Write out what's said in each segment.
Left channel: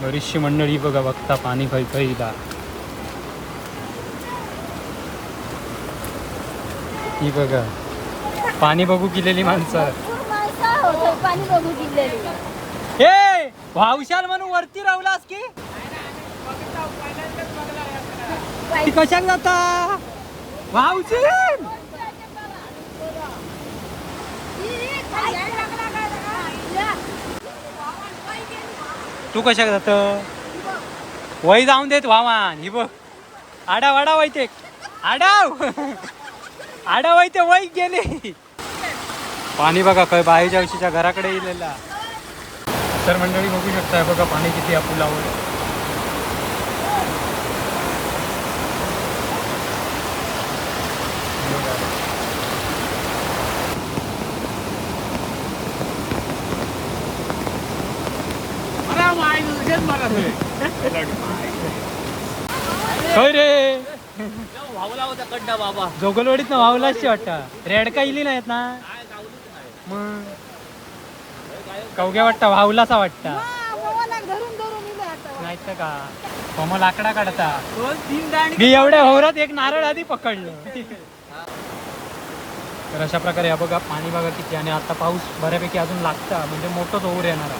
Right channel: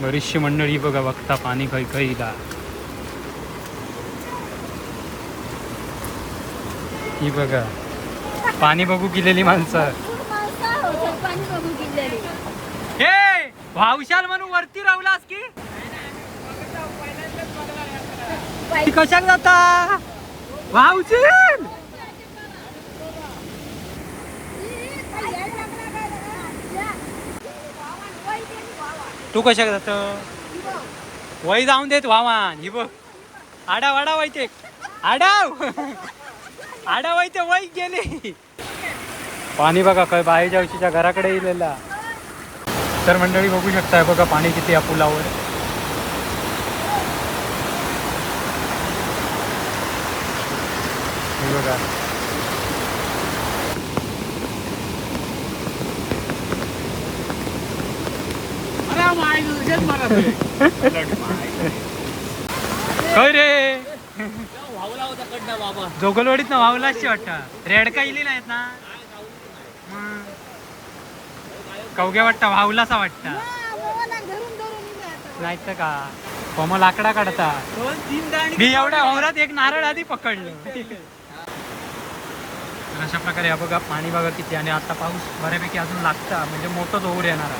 बरीचशी मंडळी बघा बघता पाणी खैखईला. ही बघा पाणी बघू गेलेली माणसं. हे भावशाल म्हणून वरती राहलास की कशाक जाता भाऊजी? तू कशाक जात? वय जाऊन देत वामान. ही बघ आडाव आडाव व्हायचे आडाव आडाव व्हायचे वय गेले. पाणी बघा काय बाहेरच्या वर्षीच्या घराकडे येलेला. तर मंडळी बघू शकताय बघा पाणी किती या पुलावर. बघा रे जोगलवाडीत ना वावलाची वाटता. रेडका इली नाहीत ना मग कवग्या वाटता वावलासा वाटता नाही तर का कोम लाकडा काढता. मी एवढ्या होरात एक नारळ आधी पकडलं. तर अशा प्रकारे हा बघा पाणी बघा किती. आणि आता पाऊस बऱ्यापैकी अजून लागता म्हणजे मोठंच ओर येणार.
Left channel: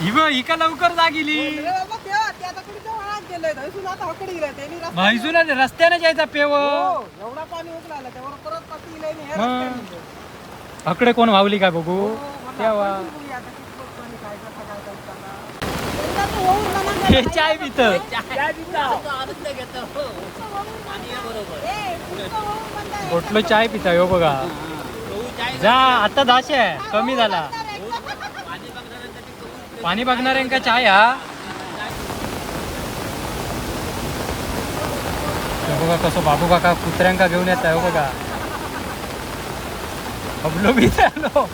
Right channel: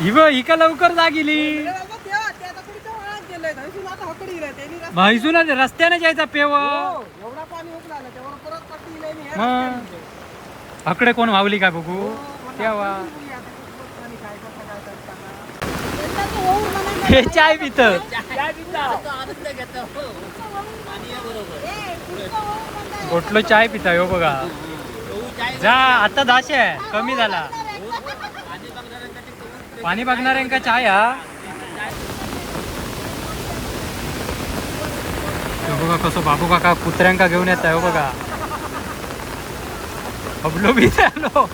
ही का लवकर जागिली म्हैसून रस्त्याने जायचा पेव. एवढा पाणी उकळाला त्यावर परत अकडे कोण वावली का बघू तेव्हा. हे चाय पित गोटलो चाय पिता हो बघा. जा आता दाशे कमी झाला. पाणी बघणाऱ्यांका चाय हा बघा कसं बाबू काका कुत्र्यांका घेऊन येत आहे हो बघा. अबलो बी झालो.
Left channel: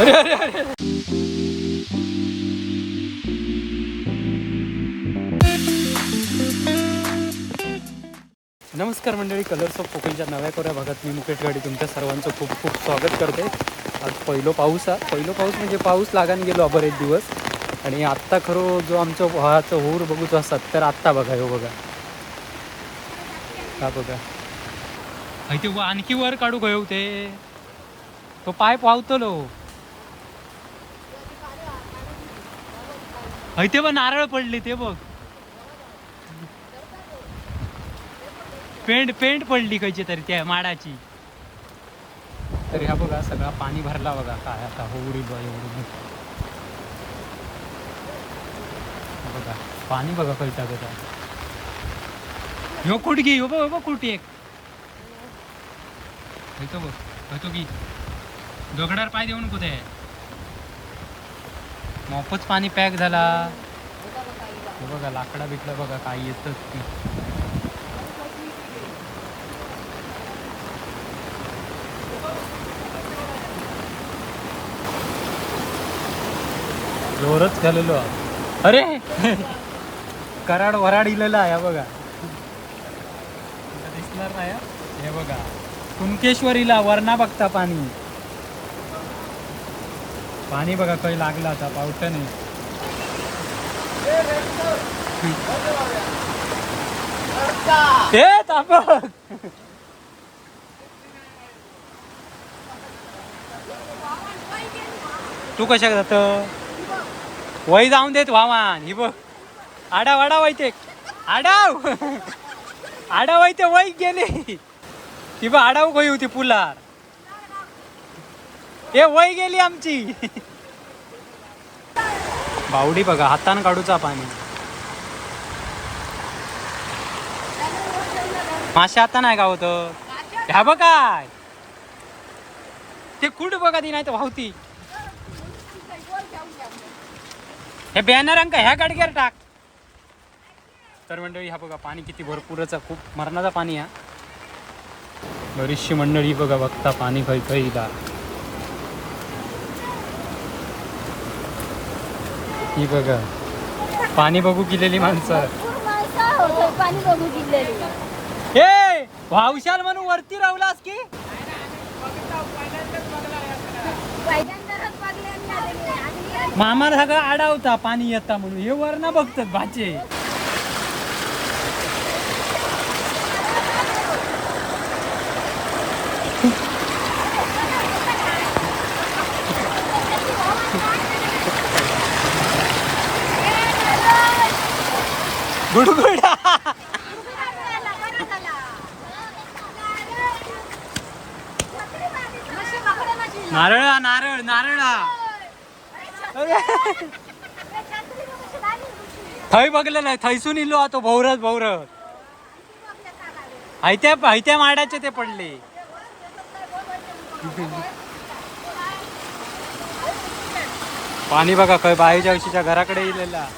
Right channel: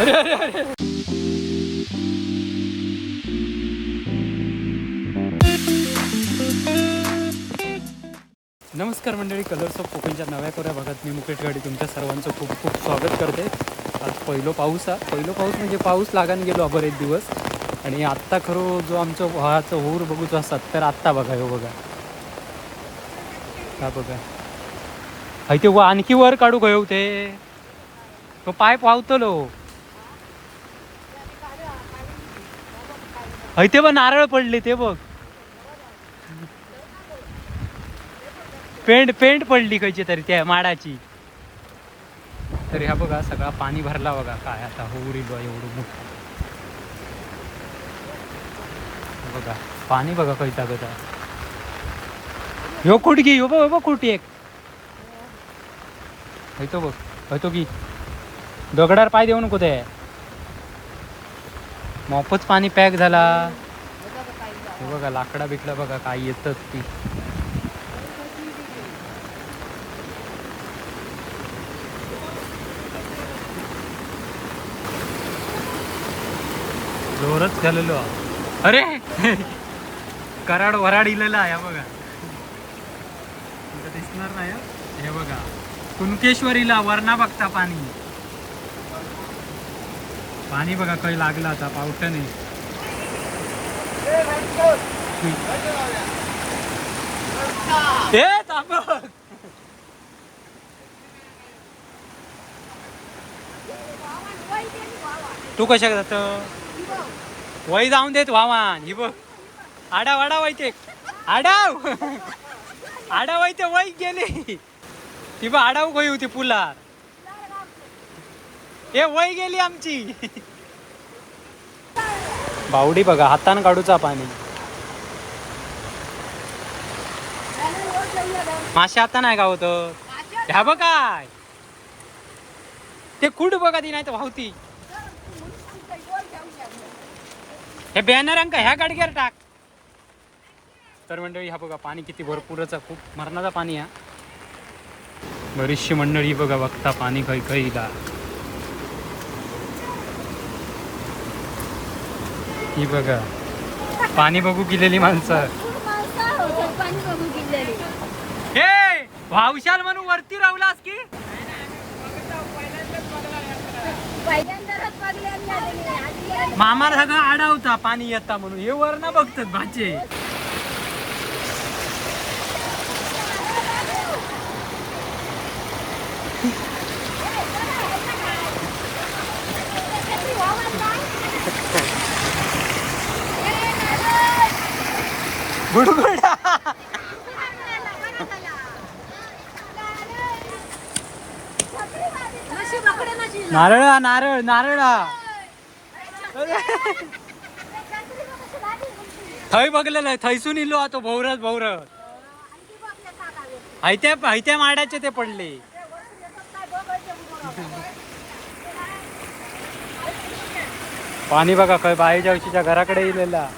अरे अरे अरे नमस्कार मंडळी. कलर्स ऑफ कोकणच्या नव्या कोऱ्या भागात मी मुकेश गाडी तुमच्या सर्वांचं खूप खूप स्वागत करते. आज पहिलो पाऊस म्हणजे पाऊस लागान गेलो बरेच दिवस. आणि आत्ता खरं जो आमचं व्हाचं होर बघूच असतात तर आत्ता बघा हो बघा हा बघा. ते आणखी वर काढू गयो ते तो पाईप वाहतलो. ते बघ नारळ पडले ते बघ. पेंट पडली कशी तरी त्या माडाची. तरी हा बघा सगळा पाणी भरला बघा. काय आता होऊ रे बा एवढं बघा पाणी बघा काही टाकत आहे. ह्यो कुठगी हो बघ कुठे एक तो बघ तो की दगडार पाय देऊ नको ते मोफच पाणी पॅक झाला. हे बघा लाकडा बिटला बघा काय येतच ती. जोरच झालेलो. अरे कराड वराड इलेला आहे बघा. दिसणार नाही हे बघा. कुणकेश्वरीला वरणा बघता पाणी पाणी बघा काही लागला आता पावसाने. तू कशाक जात? वय जाऊन देत वामान. ही बघ आडाव आडाव व्हायचे आडाव आडाव व्हायचे वय गेले. ती बघ आडाव गई होती पुलार. हे वय गेली आमची. बावडी बघा हातान काढूचा पाणी. मासे आता नाही का होत ह्या बघ काय ते कुठ बघा ती नाही तर वाहती. हे बॅनरांका ह्या गाडग्यावर टाक. तर मंडळी हा बघा पाणी किती भरपूरच खूप मरणाचा पाणी हा. बरीचशी मंडळी बघा बघता पाणी खैखईला. ही बघा पाणी बघू गेलेली माणसं. पाणी बघू किल्ल्याने. हे भावशाल म्हणून वरती राहलास की पहिल्यांदाच बघितलं. मामा सगळं आडावता पाणी येता म्हणून हे वरना बघतात भाचे. गुडगुडा नारळ नारळ नारळ थंय बघलेलं आहे थैसून इलो तो भौरत भौरत हैत्या माडाचे ते पडले. पाणी बघा खय बाईच्या उशीच्या घराकडे इलेला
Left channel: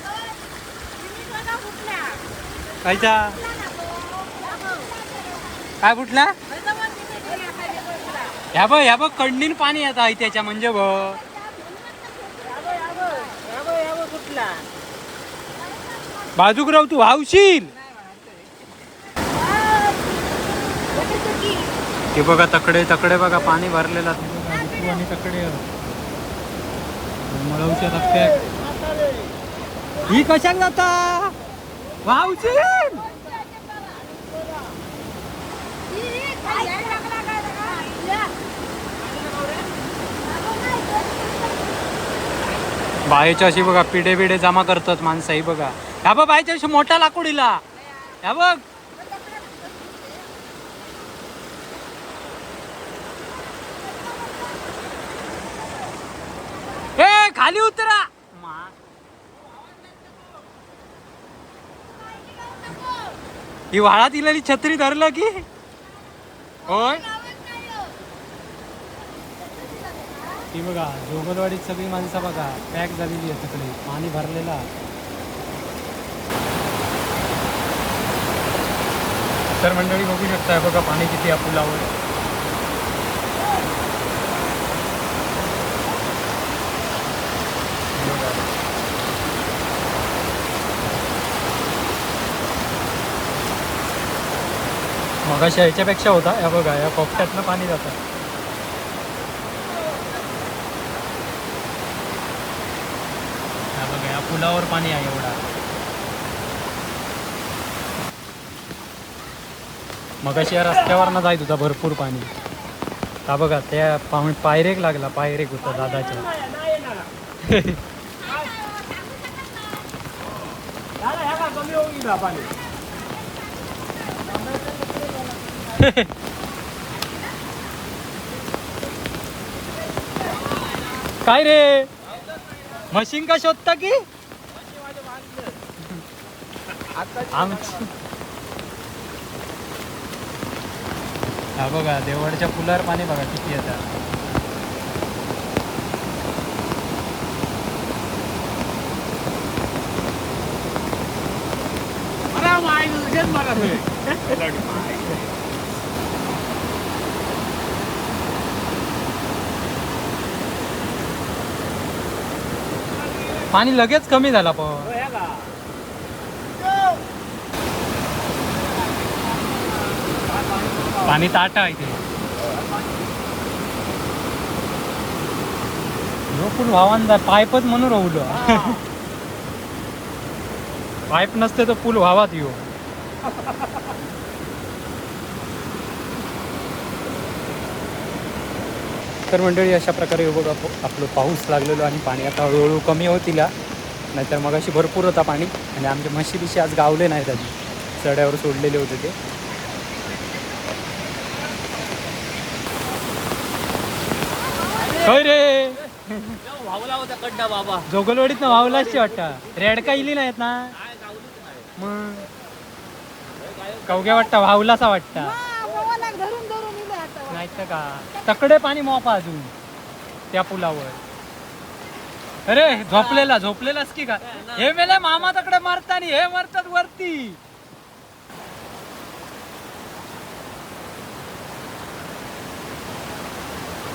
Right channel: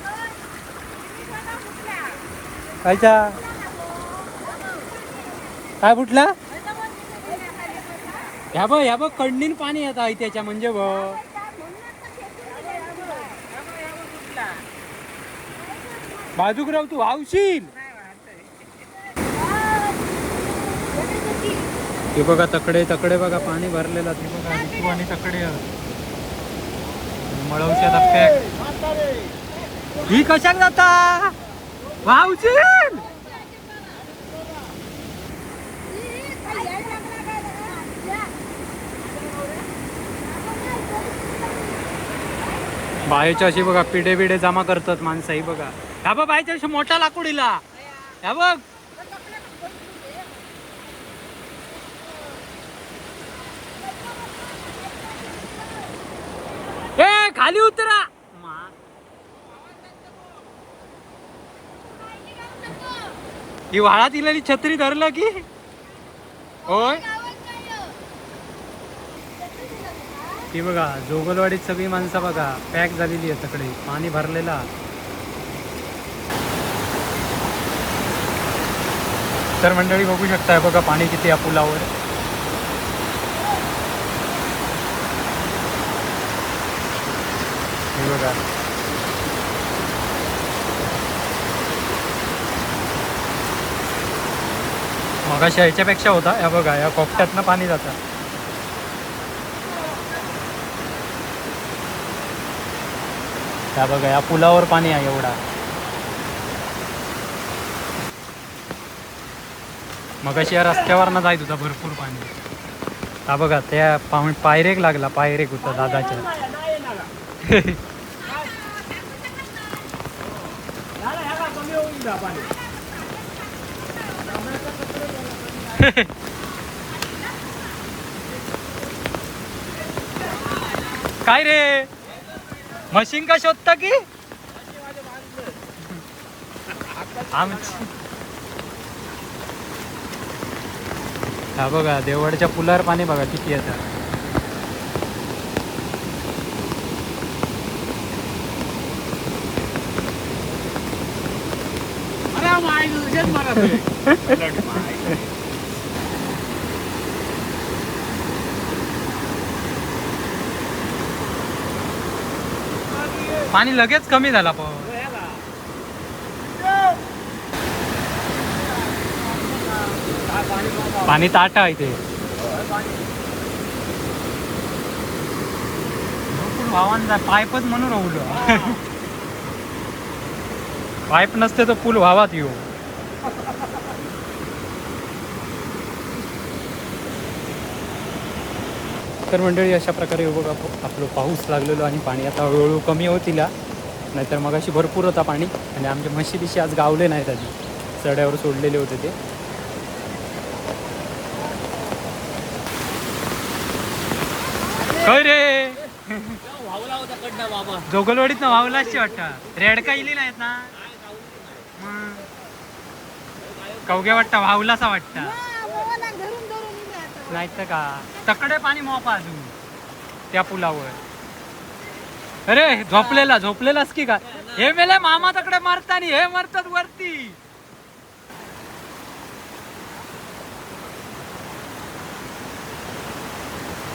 कायचा काय फुटला ह्या बघ कडणीन पाणी येत आहे त्याच्या म्हणजे बघ बाजूक राहू तू वावशील. हे बघा तकडे तकडे बघा पाणी भरलेला आणि तकडे ही कशाला जाता वावशील. बायच्या अशी बघा पिढे बिडे जमा करतात माणसं. ही बघा ह्या बघ बायच्या अशी मोठा लाकडीला ह्या बघ ए खाली उतरा. ही वाळा दिलेली छत्री धरलं की होय. ही बघा जोगलवाडीत सगळी माणसं बघा पॅक झालेली आहे सगळी पाणी भरलेला. तर मंडळी बघू शकताय बघा पाणी किती या पुलावर. हे बघा मगाशी ह्याच्यापेक्षा होता. या बघा या कोपट्यातनं पाणी जातं. या बघा या पुलावर पाणी आहे एवढा. मगाशी या रस्त्यावर ना जायत होता भरपूर पाणी. हा बघा त्या पायरेक लागला पायरेक होता दादाच्या. काय रे मशीन का शोधता की आमची. हा बघा देवडच्या पुलावर पाणी बघा किती येतात. पाणी लगेच कमी झाला पण पाणी ताट आहे ते वाहन पाईपच म्हणून राहुल. पाईप नसते तर पूल व्हावात येऊ. तर मंडळी अशा प्रकारे बघा आपलं पाऊस लागलेलो आणि पाणी आता हळूहळू कमी होतीला. नाहीतर मग अशी भरपूर होता पाणी. आणि आमच्या म्हशी बिशी आज गावले नाहीत आधी चढ्यावर सोडलेले होते ते. रे जोगलवाडीत ना वावलाची वाटता रेडका इली नाहीत ना मग कवग्या वाटता वावलासा वाटता नाही तर का तकडे पाणी मोपा अजून त्या पुलावर. अरे झोपलेलाच की का हे मेले मामा तकडे मारता आणि हे मारतात वरती.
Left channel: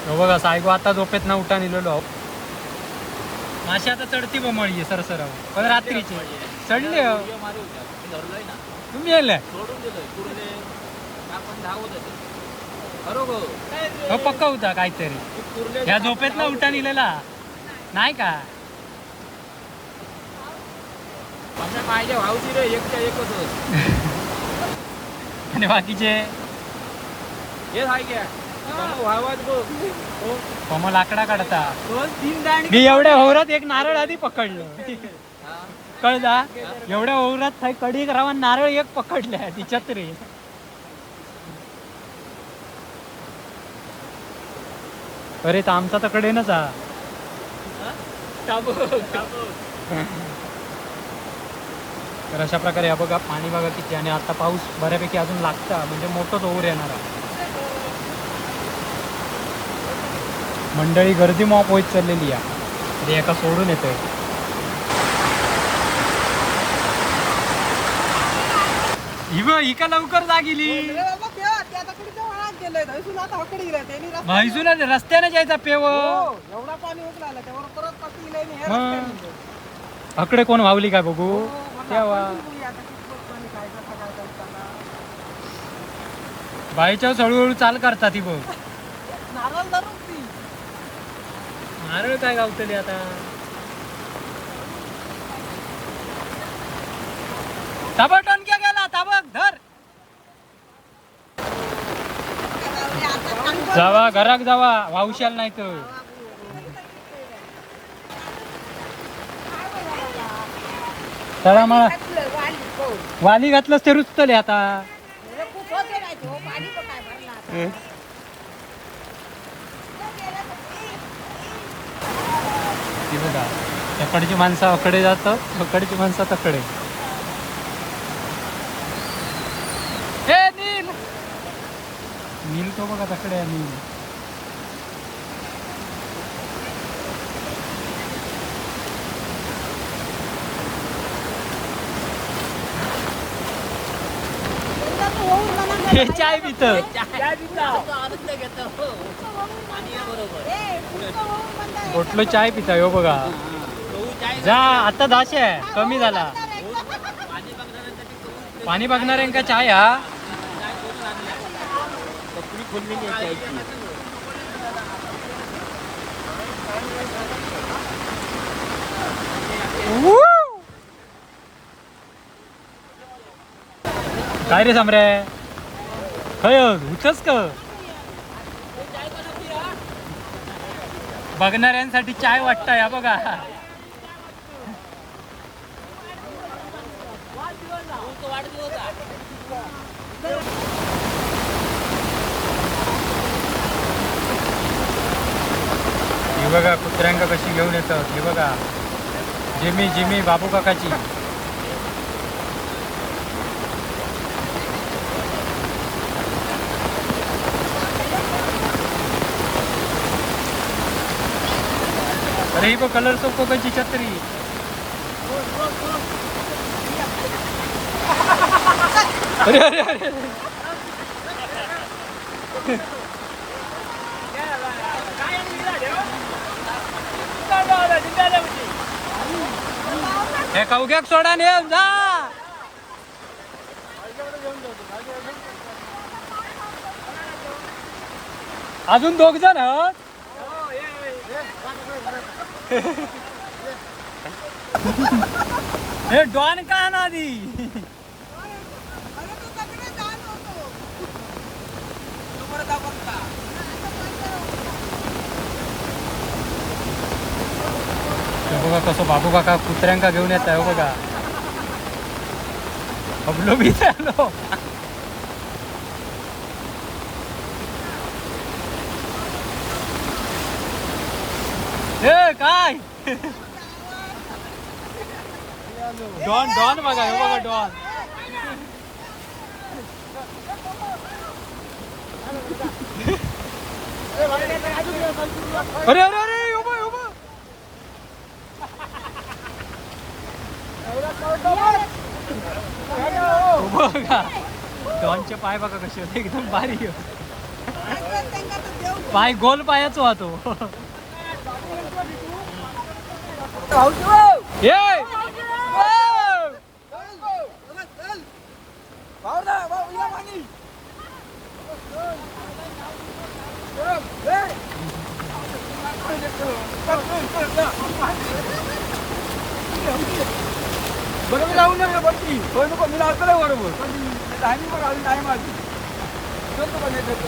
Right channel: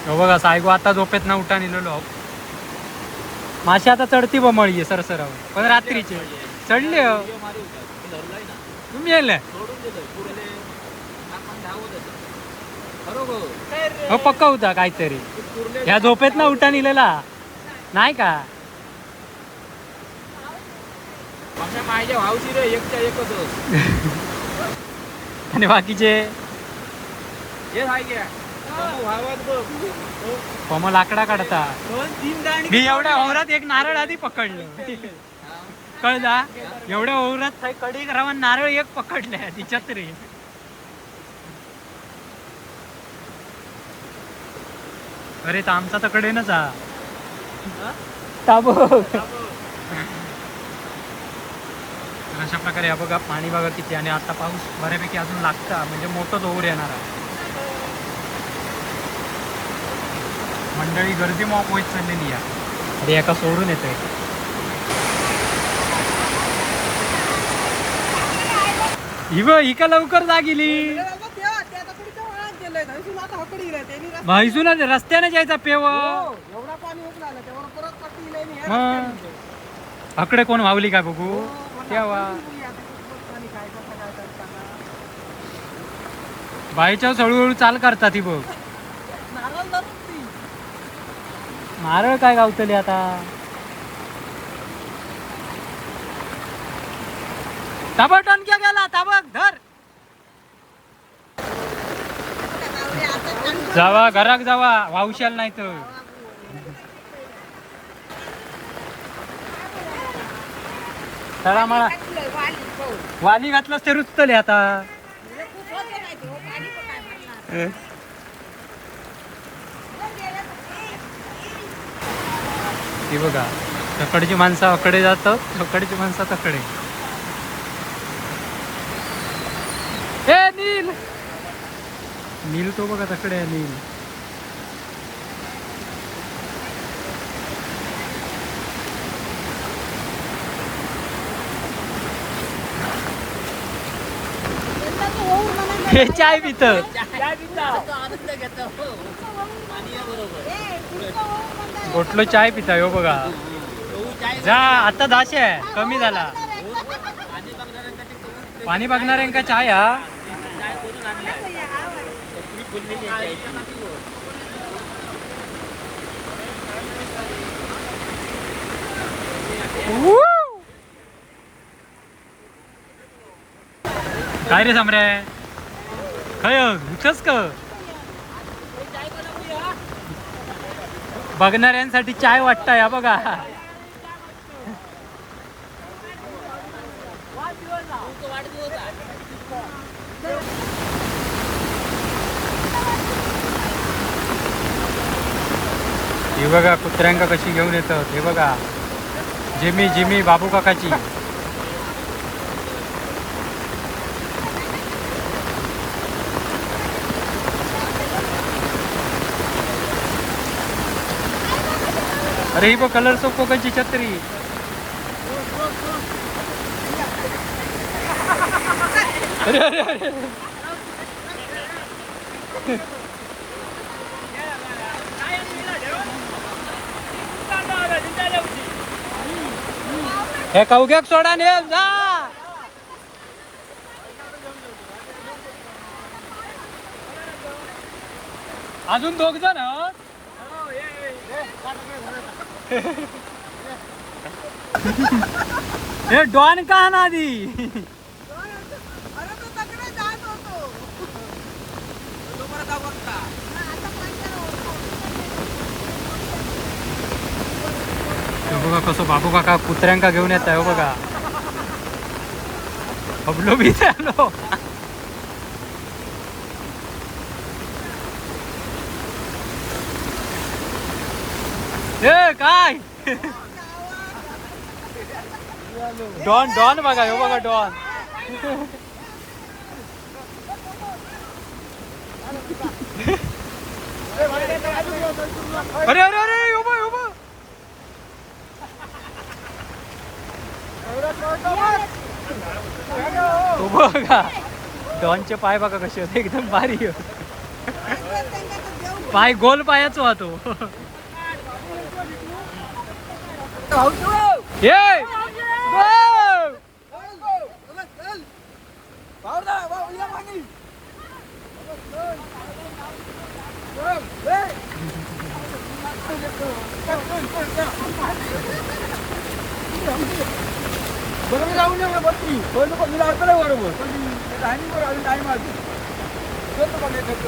बघा सायगो आता झोपेत ना उठा निलेलो. माशी आता चढती बमळी सरसरावर पण रात्रीचे चढले. तुम्ही येले सोडून दिलं कुर्ले आपण धावत होतो बरोबर हो पक्का होता काहीतरी कुर्ले ह्या झोपेत ना उठा निलेला नाही का आमच्या माझ्या भाऊची रे एकच्या एकच होत आणि बाकीचे हे हाय घ्या भावात बघ कोमल लाकडा काढता 2-3 दाणे मी एवढ्या ओव्हरात एक नारळ आधी पकडलं कळला एवढ्या ओव्हरात कडी रावण नारळ एक पकडल्या तिच्यात रे अरे तर आमचा तकडे ना जा तर अशा प्रकारे हा बघा पाणी बघा किती आणि आता पाऊस बऱ्यापैकी अजून लागता म्हणजे मोठंच ओव्हर येणार आहे मंडळी गर्दी मॉप होत चाललेली आहे अरे एका सोडून येते ही का लवकर जागिली म्हैसून रस्त्याने जायचा पेव एवढा पाणी उकळालं त्यावर परत पाटी इलंय आणि हे रस्त्याने इलंय. अकडे कोण वावली काय बघू हो, मला केव्हा आपण बघूया आता कितपत पाणी काय कसा काय करताना. बाईच्या हळूहळू चाल करता ती बघ नारळ धरून ती नारळ काय गावतली आता ताबड टोनक्या गेला ताबक धर जावा घराक जावा वावशाल नाही तर चला मग वाली घातलंच तर रुचतले आता ती बघा तकडची माणसं अकडे जातात अकडची माणसं तकडे हे नील नील तो बघा तकडे आहे नील हे चाय पित आनंद घेतो पाणी बरोबर गोटलो चाय पिता हो बघा जा आता दाशे आहे कमी झाला पाणी बघणाऱ्यांका चाय हा काय रे सामरे खय उठच का बघणाऱ्यांसाठी चाय वाटतं या बघा हे बघा कुत्र्यांका कशी घेऊन येतात हे बघा जिमी जिमी बाबू काकाची अरे ही बघ कलर तो कोकाची छत्री अरे अरे अरे हे कवग्याक सोडा ने जा अजून 2 जण हे डॉन का ना आधी बघा कसं बाबू काका कुत्र्यांका घेऊन येत आहे बघा अबलो बी झालो हे काय डॉन डॉन बघा हे बघा डॉन अरे अरे अरे बघा डॉनचे पाय बघा कसे होते एकदम भारी पाय गोल पायाच वाहतो बरोबर जाऊ नये बत्ती पण मी लावतो ना बरोबर टायमिंग बरोबर अजून टाइम आहे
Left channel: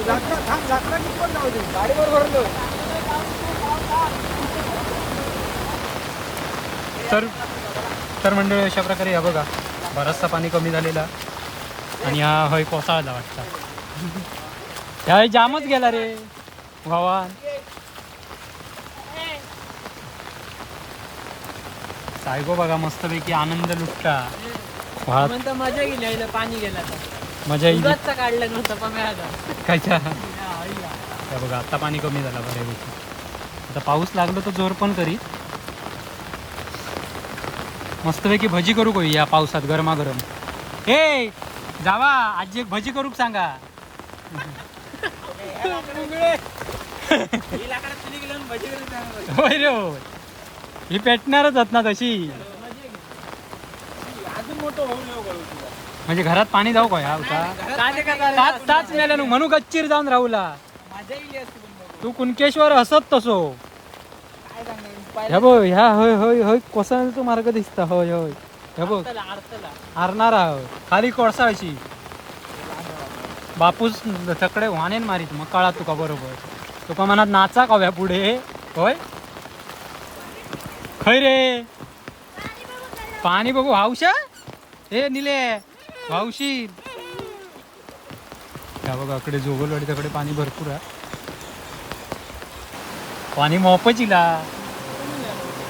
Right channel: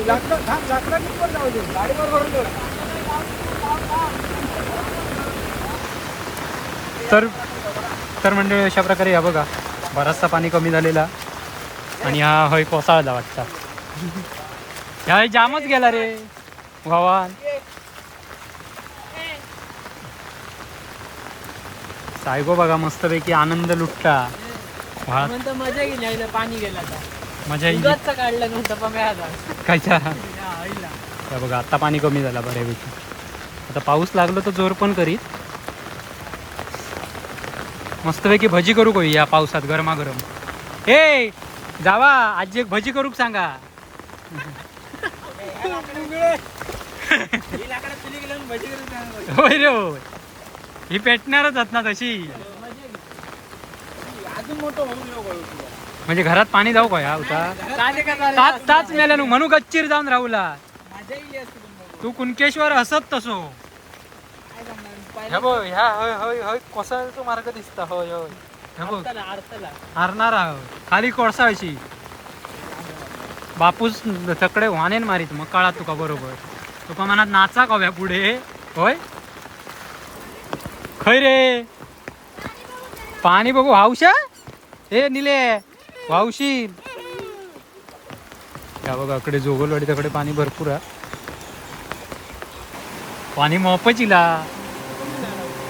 लाकडा पण जाऊ दे गाडी बरोबर तर म्हणजे अशा प्रकारे या बघा बराचसा पाणी कमी झालेला आणि हा हय कोसळला वाटतं ह्या जामच गेला रे भावान सायगो बघा मस्तपैकी आनंद लुटता वाहत म्हणतो मजा गेली आईला पाणी गेला तर मजा येईल दुधाचं काढलं नव्हतं पम्याला कायच्या हे बघा आता पाणी कमी झाला बऱ्यापैकी आता पाऊस लागलो तर जोर पण करीत मस्तपैकी भजी करू का या पावसात गरमागरम हे जावा आजी एक भजी करू सांगा होय रे होय ही पेटणारच आहेत ना तशी अजून मोठं होऊ नको म्हणजे घरात पाणी जाऊ का ह्या होता ताच मेल्या म्हणू गच्चीर जाऊन राहूला मजा येईल असते पण बघू. तू कुणकेश्वर असत तसो काय सांगणार ह्या बघ ह्या होय होय होय कोसळतो मार्ग दिसता होय होय ह्या बघ हारणार आहोत खाली कोळसाळशी बापूस तकडे वानेन मारीत मग कळा तुका बरोबर तुका मनात नाचा कव्या पुढे होय खय रे पाणी बघू हावशा हे निले वावशी त्या बघा इकडे जोगलवाडी तिकडे पाणी भरपूर आहे पाणी मोपचिला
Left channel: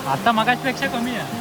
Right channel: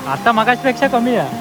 आता मगाचपेक्षा कमी आहे